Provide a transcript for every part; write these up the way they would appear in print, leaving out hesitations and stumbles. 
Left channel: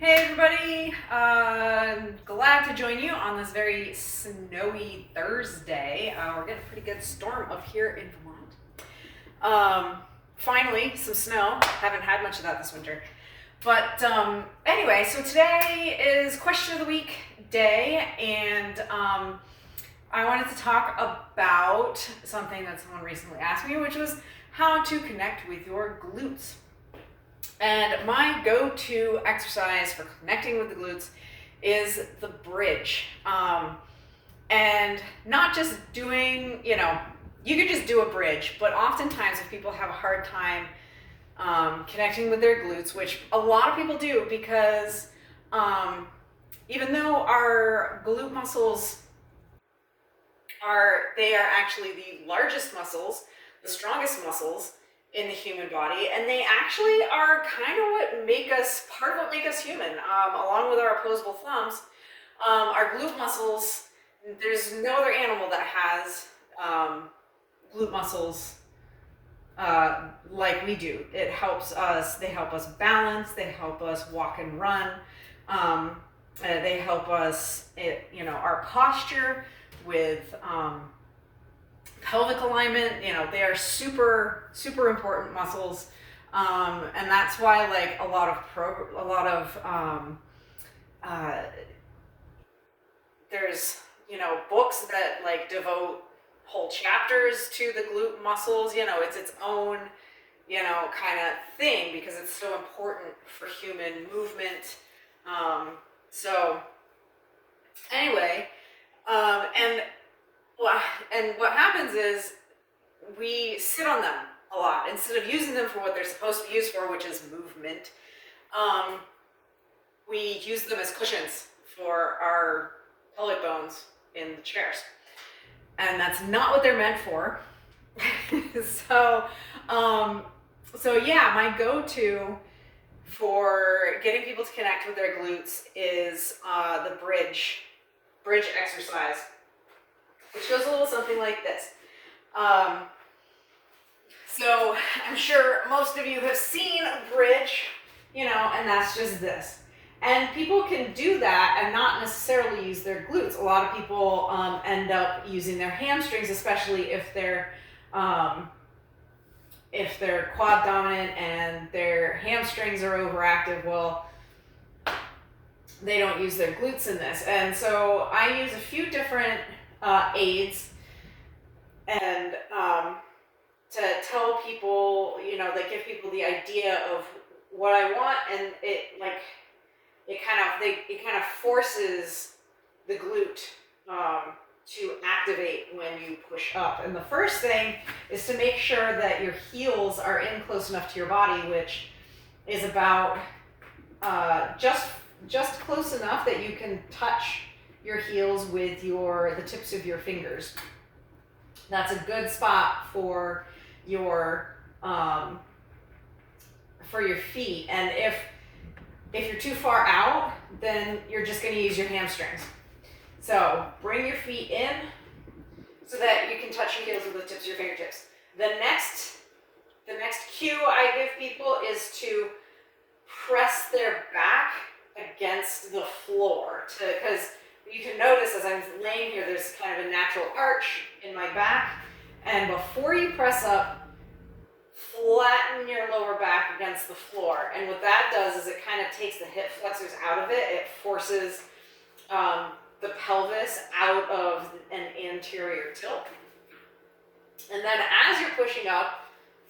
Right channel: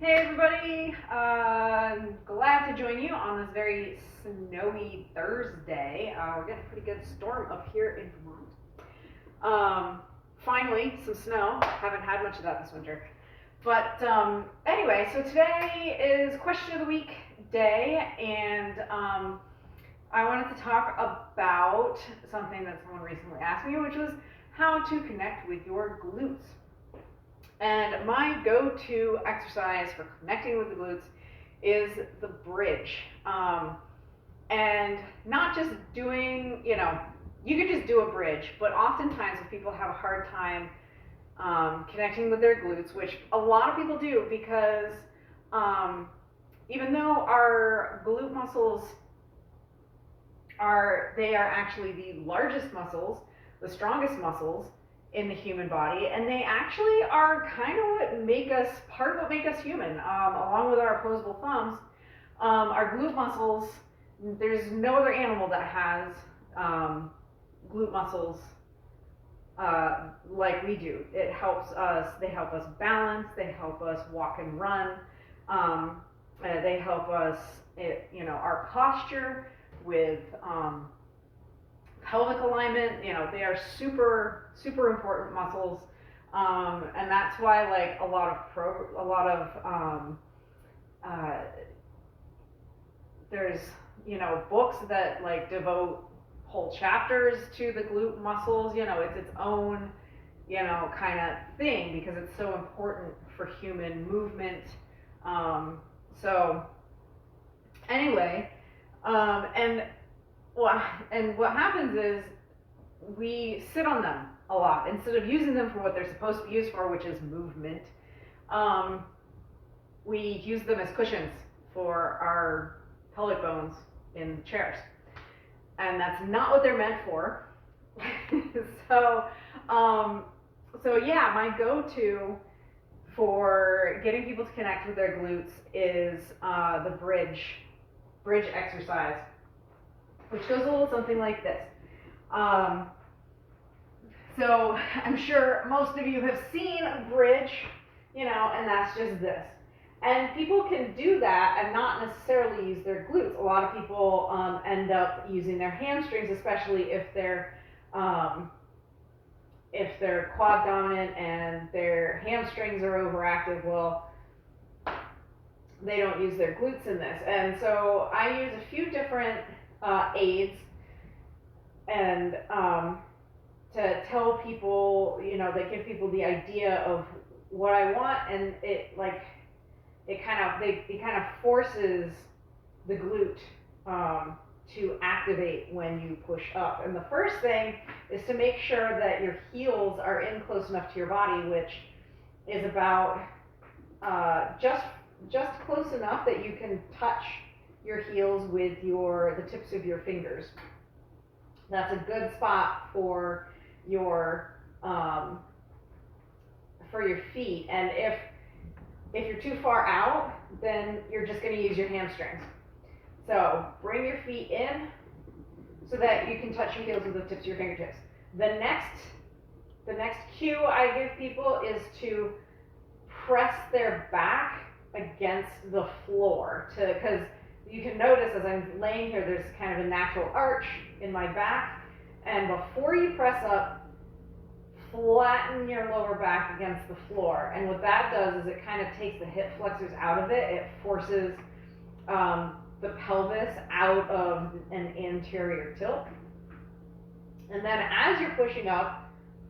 Hey everybody, glad to join you on this very snowy Thursday. We're getting a pretty good storm up here in Vermont. Finally, some snow. Haven't had much of that this winter. But anyway, so today is question of the week day, and I wanted to talk about something that someone recently asked me, which was how to connect with your glutes. And my go-to exercise for connecting with the glutes is the bridge. And not just doing, you could just do a bridge, but oftentimes if people have a hard time connecting with their glutes, which a lot of people do because even though our glute muscles are actually the largest muscles, the strongest muscles in the human body, and they actually are kind of part of what make us human, along with our opposable thumbs. Our glute muscles, there's no other animal that has glute muscles like we do. They help us balance, they help us walk and run, they help us, our posture with pelvic alignment. They are super, super important muscles, and that's why a lot of there's books that devote whole chapters to the glute muscles. It's its own kind of thing because it's so important for human movement. So anyway, and what happens is we sit on them a lot instead of using them for what they're supposed to be used for, which is movement. We use them as cushions for our pelvic bones in the chairs, and that's not what they're meant for. So yeah, my go-to for getting people to connect with their glutes is the bridge exercise, which goes a little something like this. So I'm sure most of you have seen a bridge, and that's just this. And people can do that and not necessarily use their glutes. A lot of people end up using their hamstrings, especially if they're quad dominant and their hamstrings are overactive. Well, they don't use their glutes in this. And so I use a few different aids and to tell people, that give people the idea of what I want, and it kind of forces the glute to activate when you push up. And the first thing is to make sure that your heels are in close enough to your body, which is about just close enough that you can touch your heels with the tips of your fingers. That's a good spot for your feet. And if you're too far out, then you're just going to use your hamstrings. So bring your feet in so that you can touch your heels with the tips of your fingertips. The next cue I give people is to press their back against the floor, because you can notice as I'm laying here, there's kind of a natural arch in my back. And before you press up, flatten your lower back against the floor. And what that does is it kind of takes the hip flexors out of it. It forces the pelvis out of an anterior tilt. And then as you're pushing up,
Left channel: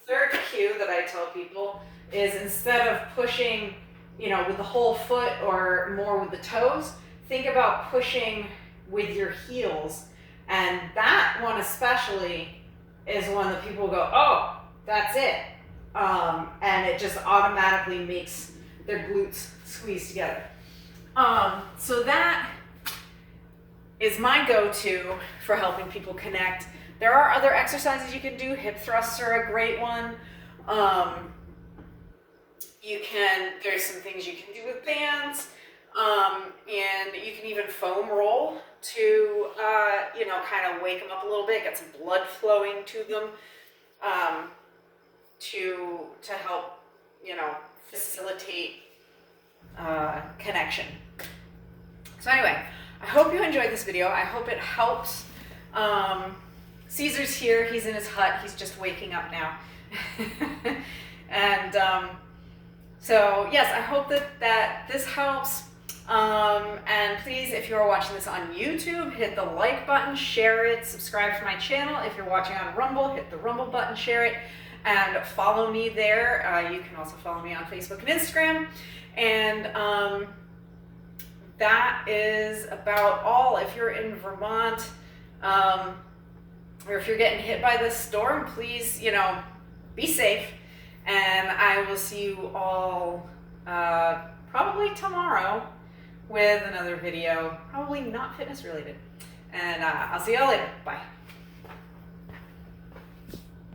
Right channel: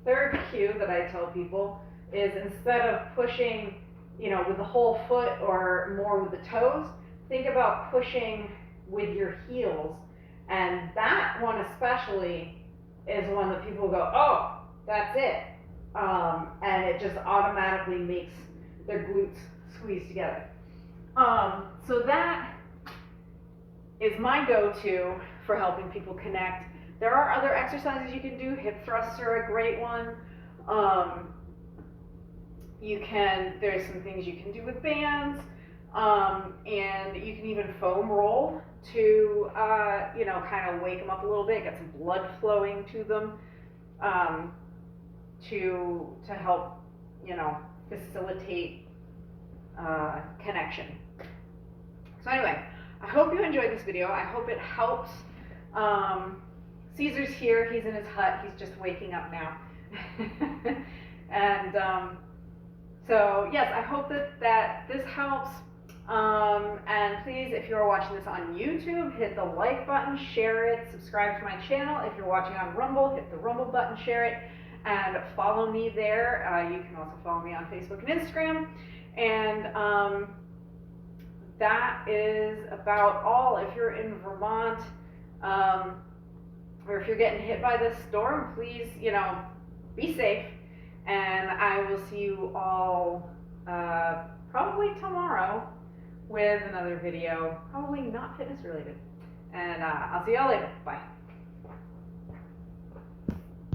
third cue that I tell people is, instead of pushing, with the whole foot or more with the toes, think about pushing with your heels. And that one especially is one that people go, oh, that's it. And it just automatically makes their glutes squeeze together. So that is my go-to for helping people connect. There are other exercises you can do. Hip thrusts are a great one. There's some things you can do with bands. And you can even foam roll to, kind of wake them up a little bit, get some blood flowing to them, to help, facilitate connection. So anyway, I hope you enjoyed this video. I hope it helps. Caesar's here. He's in his hut. He's just waking up now. And so yes, I hope that this helps. And please, if you're watching this on YouTube, hit the like button, share it, subscribe to my channel. If you're watching on Rumble, hit the Rumble button, share it, and follow me there. You can also follow me on Facebook and Instagram. And that is about all. If you're in Vermont, or if you're getting hit by this storm, please, be safe. And I will see you all probably tomorrow with another video, probably not fitness related. And I'll see y'all later. Bye.